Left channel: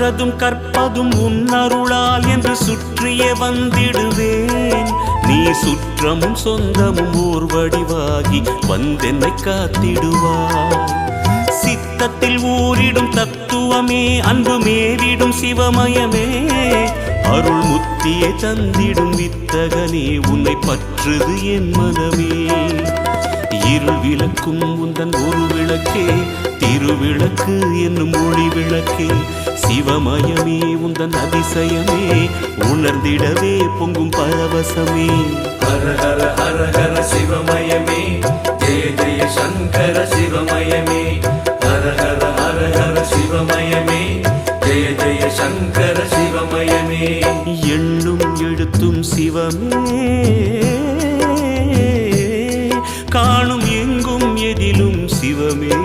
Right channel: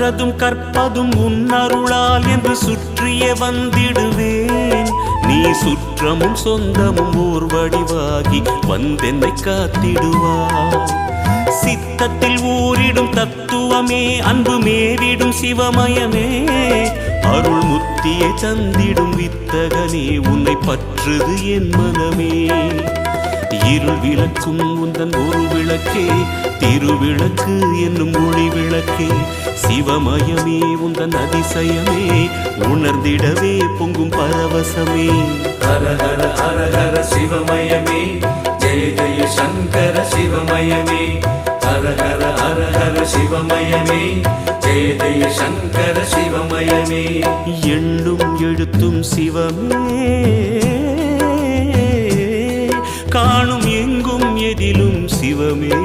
கற்றதும் கற்பதும் உன்னருளால் என்று சுற்றியே வந்திடுவேன். நீ சுற்றமும் சொந்தமும் ஓர் வடிவாகி வந்தென்னை காத்திடுவாய். சித்தத்தில் ஊரிடும் தத்துவமே, அன்பு மேவிடும் சிவமயமே, அருள் முத்தியை தந்திடும் வித்தகனே, உன்னை பற்றுது என் மனமே. இருள் விளக்கும் உந்தன் ஒரு விளக்கே, திருவிளக்கு என்னும் ஒளி விளக்கே, சிவமயமே உந்தன் அதிசயமே, உணர்ந்திடவே பொங்கும் பரவசமே. ஹர ஹர ஹர ஹர சிவமயமே, ஜெய ஜெய சங்கர சிவமயமே. ஹர ஹர ஹர ஹர சிவமயமே, ஜெய ஜெய சங்கர சிவமயமே. எண்ணும் எழுத்தும் சிவமே, காணும் எங்கும் எதிலும் சிவமே.